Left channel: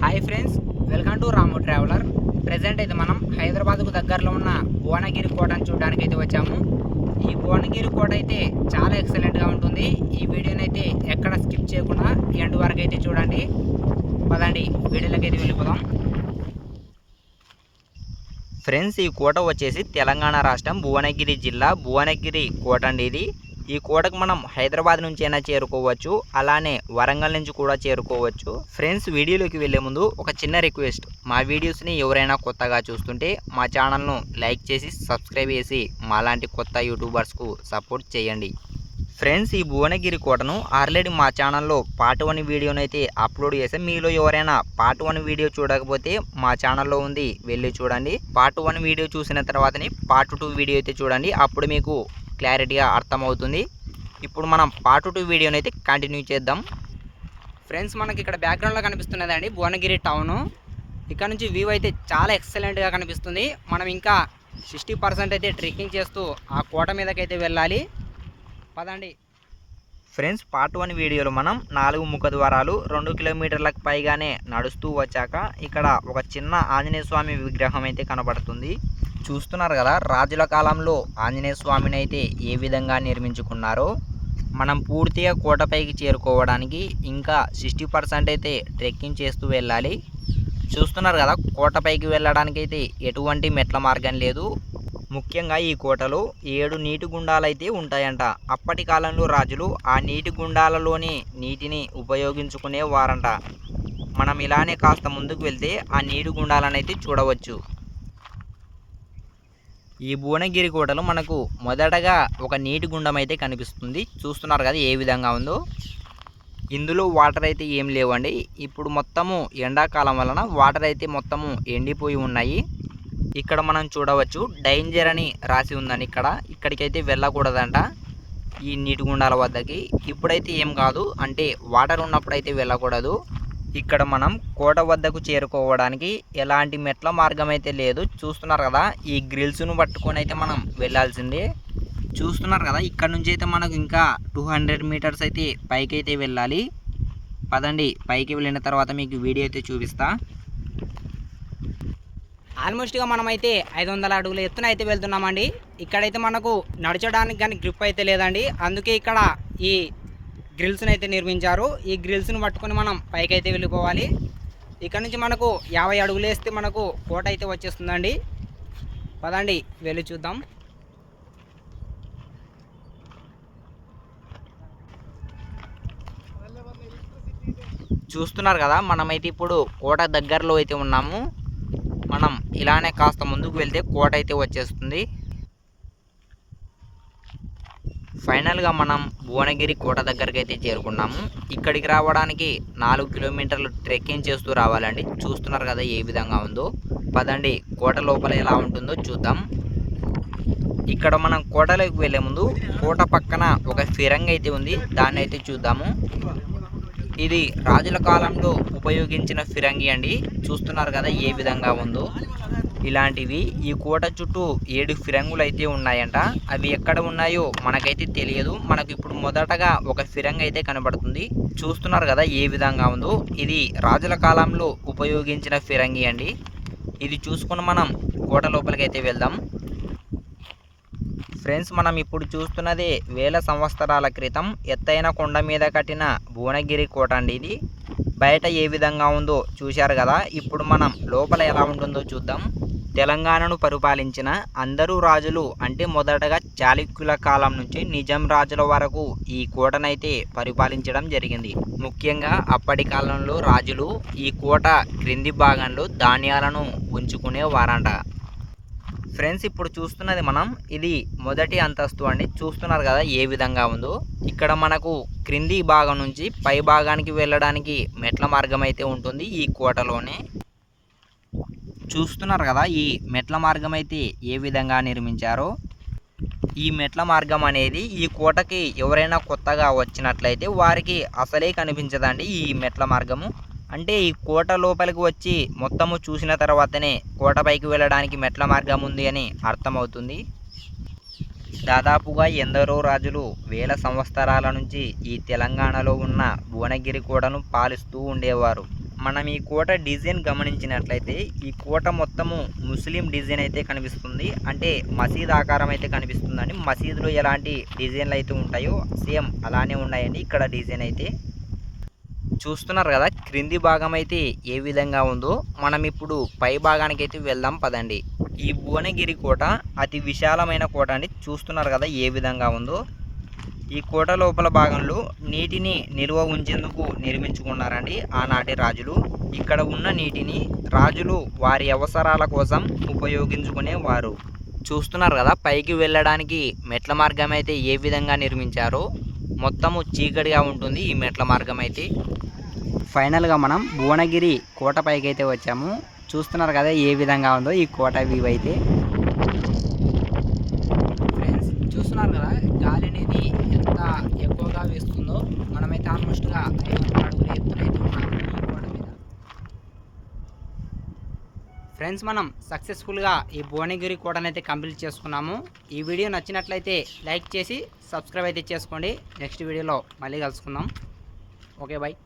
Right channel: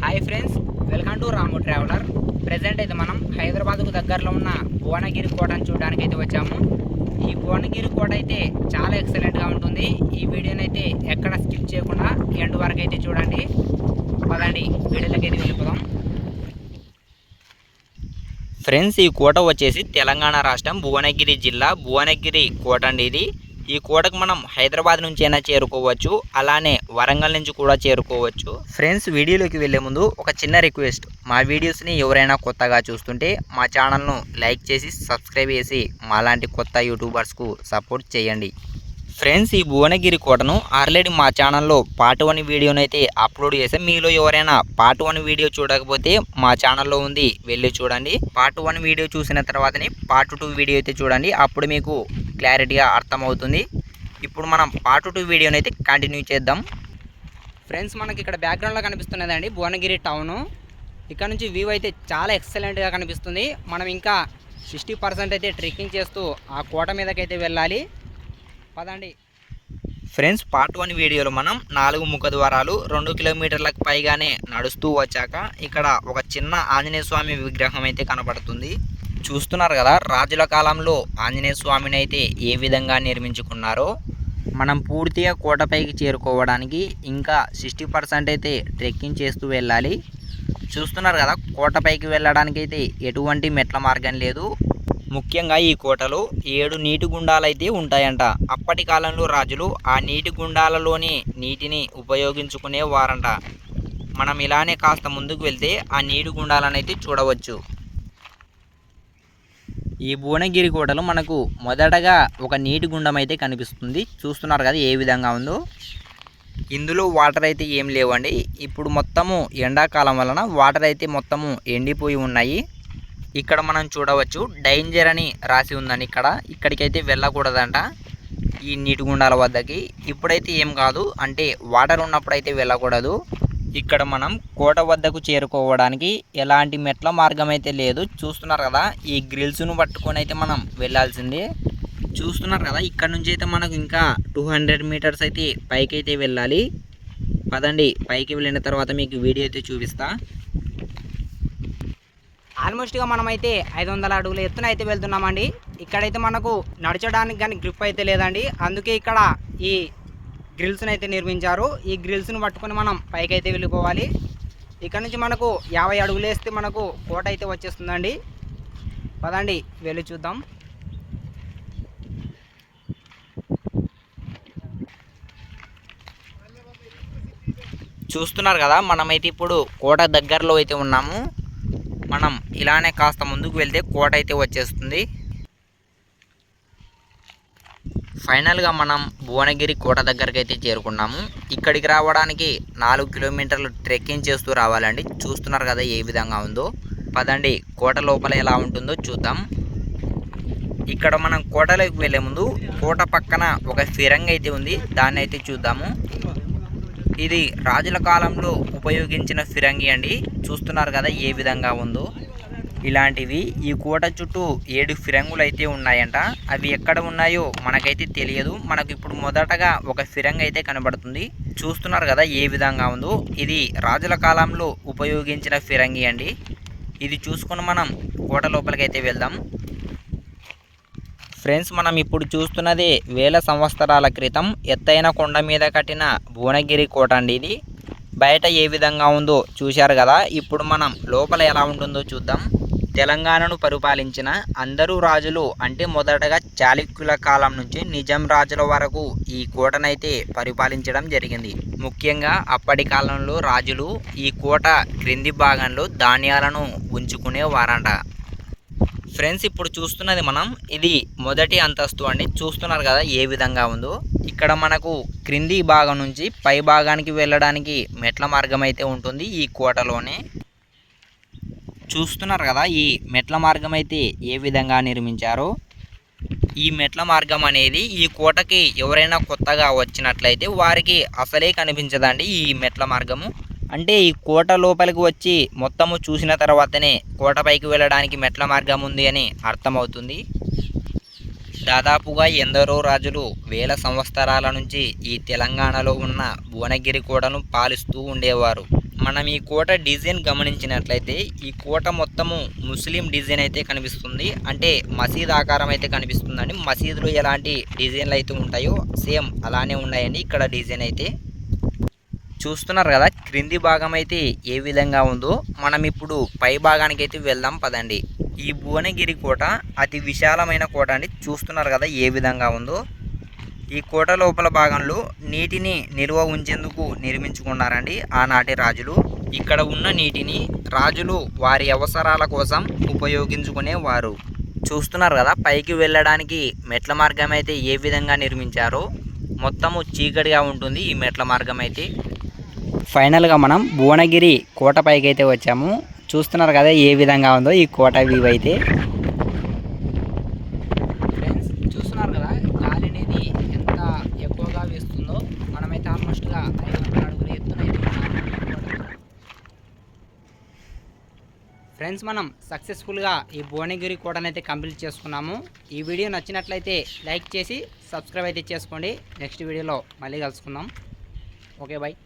Hi friends welcome to Ramu traveller present అయితే మనం హైదరాబాద్కు దగ్గరలో ఉన్న భువనగిరి కోటను చూడడానికి అయితే వచ్చాము. ఈ భువనగిరి కోట అయితే చాలా ఎక్సలెంట్గా ఉంటుంది. ఈ వీడియోని అయితే ఎక్కడ స్కిప్ చేయకుండా ఎండ్ వరకు అయితే చూడండి. పదండి వీడియోలోకి అయితే వెళ్ళిపోదాం. ఫ్రెండ్స్ ఈ కోట వచ్చేసి తెలంగాణ రాష్ట్రం భువనగిరి జిల్లా భువనగిరి కోట అండి ఇది. ఈ కోటకు మనం హైదరాబాద్ నుంచి అయినా చేరుకోవచ్చు అలానే వరంగల్ నుంచి కూడా చేరుకోవచ్చు. ఫ్రెండ్స్ వీడియోలోకి వెళ్ళే ముందు ఒక చిన్న రిక్వెస్ట్. మా వీడియోస్ని ఎవరైనా కొత్తగా చూస్తుంటే మా ఛానల్ను లైక్ చేసి సబ్స్క్రైబ్ చేసి మాలాంటి కొత్త యూట్యూబర్స్కు సపోర్ట్ చేయండి. ఫ్రెండ్స్ ఈ భువనగిరి కోటను ఆల్రెడీ మా ఛానల్లో పార్ట్ వన్ వీడియోని అయితే అప్లోడ్ చేసాం మీలో ఎవరైనా పార్ట్ వన్ వీడియో చూడకపోతే మా ఛానల్లో ఉంది వెళ్ళి చూడండి. పార్ట్ వన్ వీడియో చూసిన తర్వాతనే పార్ట్ టూ వీడియో అయితే చూడండి. అప్పుడు మీకు క్లారిటీగా అర్థమవుతుంది. ఇప్పుడు మనం పార్ట్ టూ వీడియోని అయితే కంటిన్యూ చేద్దాం. ఫ్రెండ్స్ మనకి ఇక్కడ బ్యాక్గ్రౌండ్లో కనిపిస్తున్నదండి భువనగిరి టౌను ఇక్కడ నుంచి వ్యూ అయితే చాలా ఎక్సలెంట్గా కనిపిస్తుంది. మనం ఇంకా సిక్స్టీ పర్సెంట్ అయితే ట్రెక్కింగ్ చేస్తూ ఆ కోట మీదకైతే వెళ్ళాలి. పదండి. ఫ్రెండ్స్ పార్ట్ వన్ వీడియోలో మనం నాలుగు ముఖ ద్వారాలు రెండు కిలోమీటర్లకు పైగానే నడుస్తూ వచ్చాక ఇక్కడ ఒక చిన్న ఆంజనేయ స్వామి విగ్రహం అయితే కనబడుతుంది. చూస్తున్నారు కదా రాజుల కాలంలో ఆంజనేయ స్వామిని అయితే ఏ విధంగా నిర్మించుకున్నారో మనం పూర్తిగా కోటపైకి చేరుకోవడానికి ఇంకా సిక్స్టీ పర్సెంట్ అయితే ట్రెక్కింగ్ చేస్తూ వెళ్ళాలి. చూస్తున్నారు కదా కోటపైకి వెళ్ళడానికి అయితే ఎటువంటి మెట్ల మార్గం లేదు. ముఖ్యంగా ఈ కోటలో ఏడు నీటి గుండాలు అయితే ఉంటాయంట. అప్పటి కాలంలో రాజులు ఆ నీటి గుండాలలోని నీటిని ఉపయోగించుకునేవారంట మనం ఇలానే కాస్త ముందుకు వెళ్తే ఆ నీటి గుండాలను అయితే చూడవచ్చు. ఈ భువనగిరి కోటలో మనకు మొదటగా ఒక నీటి గుండం అయితే కనిపిస్తుంది. చూస్తున్నారు కదా ఏ విధంగా ఉందో. ఇందులో వాటర్ అయితే ఏం లేవండి. ఇప్పుడు మొత్తము ఎండాకాలం వలన వాటర్ అయితే మొత్తము ఎండిపోయి ఉన్నాయి. ఇక్కడ మనం చూడవచ్చు డేంజర్ అని రాసి ఉందని ఇక్కడ. ఇక్కడికైతే వెళ్ళకూడదంట ఈ నీటి గుండాల వద్దకి. ఇప్పుడైతే ఏం కాదు. అంటే వాటర్ ఉన్నప్పుడు అయితే వెళ్ళకూడదు. ఇక్కడ మనం కోట వద్దకు చేరుకోవడానికి ఎలాంటి మెట్ల మార్గం అయితే లేదు. చూస్తున్నారు కదా ఈ గ్రిల్స్ను పట్టుకొని అయితే మనం వెళ్ళాల్సిందే. చూస్తున్నారు కదా ఇక్కడ నుంచి అయితే మనకు ఇంకా టూ హండ్రెడ్ మీటర్స్ అయితే పైకి అయితే వెళ్ళాలి. పదండి పైకి వెళ్ళిన తర్వాత మీకు వీడియో అయితే చూపిస్తా. ఆల్మోస్ట్గా మనమైతే ఐదు వందల అడుగుల ఎత్తున అయితే వెళ్తున్నామండి. ఇక్కడైతే మనకు నడచడానికి కానీ గ్రిప్ అయితే లేదండి. అందుకే ఇక్కడ ఈ గ్రిల్స్ని అయితే నిర్మించారు. ఈ గ్రిల్స్ని పట్టుకొని మనం పైకి అయితే వెళ్ళిపోవాలి. ఇక్కడ నుంచి మనకు యాభై అడుగులు వేస్తే మనకు కోట అయితే వచ్చేస్తుందండి. పదండి వెళ్ళి చూద్దాం. చూస్తున్నారు కదా మనమైతే ఇప్పుడు కోట దగ్గరలో అయితే ఉన్నాము. మనం ఇలానే కాస్త ముందుకు వెళ్తే కోట అయితే వచ్చేస్తుంది. ఫైనల్గా మనం భువనగిరి కోట దగ్గరికి అయితే చేరుకున్నాము. ఇక్కడికి రావడానికి నాలుగు కిలోమీటర్లు ట్రెక్కింగ్ చేస్తూ రావాలండి. చూస్తున్నారు కదా ఏ విధంగా ఉందో. పదండి కోట లోపల ఎలా ఉంటుందో చూద్దాం. ఇక్కడ మనం కోటలోకి వెళ్ళే ముందు కోట పక్కన ఒక ఫిరంగ్ అయితే ఉంది. దాన్ని అయితే చూద్దాము. ఇది రాజుల కాలంలో ఉపయోగించిన ఫిరంగి అండి. చూస్తున్నారు కదా ఏ విధంగా ఉందో. ఇలాంటివి ఈ కోట చుట్టూ ఏడు ఫిరంగులు అయితే ఉన్నాయంట. అవి ఎక్కడ ఉన్నాయో మనకైతే తెలియదు. మనకు ఇప్పుడు మొదటగా ఒక ఫిరంగి అయితే కనబడుతుంది. చూస్తున్నారు కదా ఏ విధంగా ఉందో. ఇది రాజుల కాలంలో ఉపయోగించిన ఫిరంగి అండి. ఇది చూసుకుని మనం కోట లోపలికైతే అయితే వెళ్దాం. ఫ్రెండ్స్ మనం ఇప్పుడు చూస్తున్నది వేల సంవత్సరాల క్రితం ఎత్తైన కొండ మీద కట్టిన భువనగిరి కోట అండి ఇది. బయట ఏ విధంగా ఉందో చూశారు కదా. ఇప్పుడు మనం లోపల ఎలా ఉంటుందో చూద్దాం. తెలంగాణను పరిపాలించిన అందరూ రాజులు అంటే మొదటగా చాళుక్యుల కాలం నుంచి నిజాం రాజుల వరకు ఈ కోటనైతే పరిపాలించడం జరిగింది. ముఖ్యంగా అప్పటి కాలంలో రాజులు ఈ కోట క్రింది భాగంలో ధాన్యాలను ఉంచుకునేవారంట ఫ్రెండ్స్ ఇప్పుడు చూస్తున్నది మనం ఇది మొదటి అంతస్తు అండి. చూస్తున్నారు కదా ఏ విధంగా ఉందో. ఇక్కడ మనకు క్రింది భాగం నుంచి పై భాగానికి వెళ్ళడానికి మెట్ల మార్గం అయితే ఉంటుంది ఈ కోటలోనే. చూస్తున్నారు కదా ఈ మెట్ల మార్గం అయితే ఏ విధంగా నిర్మించారో. ఈ మెట్ల మార్గం అనేది ఈ కోటకి ఎవరైనా కొత్తగా వచ్చినట్లయితే వారికి అసలే కనిపించదండి ఈ మెట్ల మార్గము. అంటే ఈ కోట లోపలికి వచ్చి మొత్తము చూసిన తర్వాతనే కోటపైకి వెళ్ళడానికి మెట్ల మార్గం ఉంది అని అర్థమవుతుంది. దాదాపుగా ఎందరో రాజులు వేల సంవత్సరాల నుంచి ఈ తెలంగాణలో ఉన్న భువనగిరి కోటను పాలిస్తూ ఉండేవారు. మనం ఈ కోట డిజైన్ గమనించినట్లయితే ఈ కోట మొత్తము ముస్లిం డిజైన్ అయితే కనిపిస్తుంది. అంటే మసీద్ ఆకారం అయితే కనిపిస్తుందండి. మసీదులో ఎలాంటి డిజైన్లు అయితే ఉంటాయో సేమ్ అలానే ఉన్నాయండి. ఇక్కడ డిజైన్ అయితే చూస్తున్నారు కదా క్రింది భాగం అయితే ఏ విధంగా ఉందో మనం ఇప్పుడు పై భాగానికి అయితే వెళ్దాం పదండి. ఈ భువనగిరి కోట అతి విశాలమైన కోట అండి. చూస్తున్నారు కదా ఏ విధంగా ఉందో. ఈ కోట లోపల భాగంలో నీటిని నిల్వ ఉంచేందుకు నిర్మించుకున్నారండి ఆనాటి రాజులు. ఇక్కడ ఉన్న నీటిని రాజులు వారి అవసరాల కోసం ఉపయోగించుకునేవారు. చూస్తున్నారు కదా పైకి వెళ్ళడానికి మెట్ల మార్గం అయితే ఏ విధంగా నిర్మించారో. మొత్తము చీకటిగా ఉంటుంది ఈ మెట్ల మార్గం అయితే. ఫైనల్గా మనం భువనగిరి కోట పైకి అయితే వచ్చాము. చూస్తున్నారు కదా ఏ విధంగా ఉందో ఈ కోట వ్యూ అయితే. ఫ్రెండ్స్ చూస్తున్నారు కదా గాలి అనేది ఎంత ఎక్కువగా వేస్తుందో మనమైతే ఆల్మోస్ట్గా అడుగులు వందల ఫ్రెండ్స్ మనం సక్సెస్ఫుల్గా ఈ భువనగిరి కోటను అయితే కంప్లీట్ చేసుకున్నాము. ఈ వీడియో నచ్చినట్లయితే లైక్ చేసి సబ్స్క్రైబ్ అయితే చేసుకోండి. నెక్స్ట్ వీడియోలో మళ్ళీ కలుసుకుందాం. Okay bye